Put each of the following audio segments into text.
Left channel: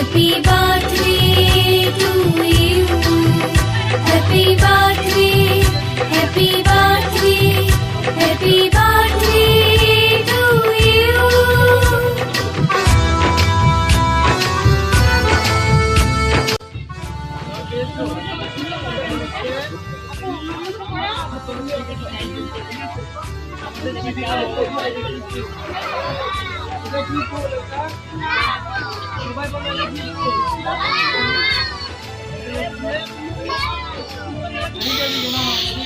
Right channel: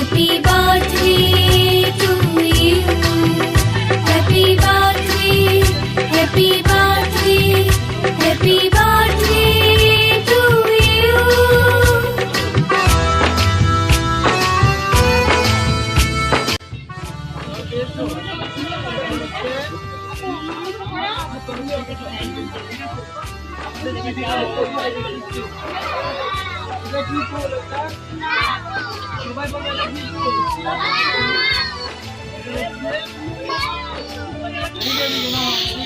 Happy birthday to you. Happy birthday, happy birthday, happy birthday to you. এটা কি ফুল এটা সবাই বলে এটা কি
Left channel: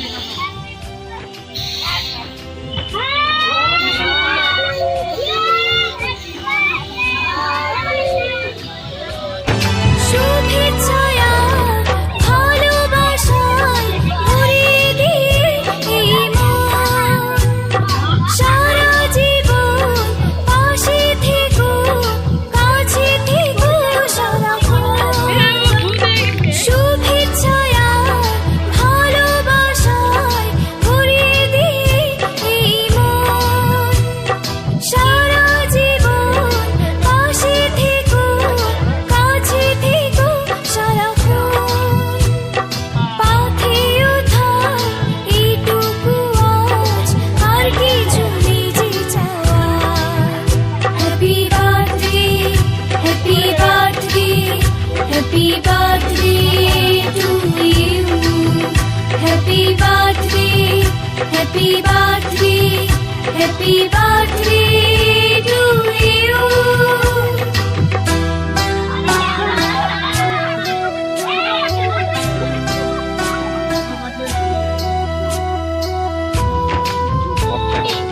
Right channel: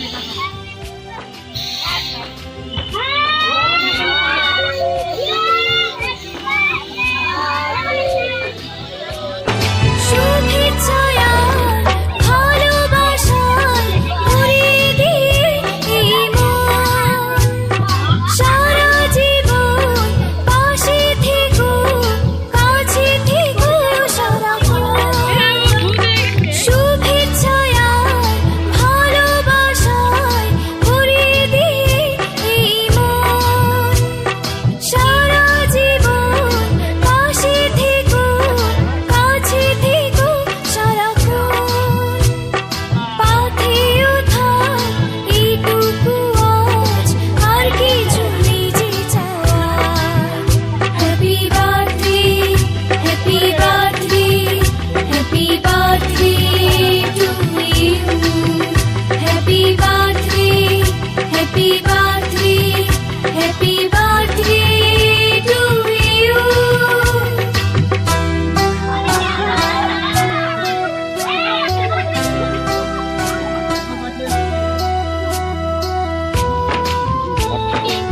happy birthday happy birthday to you Okay.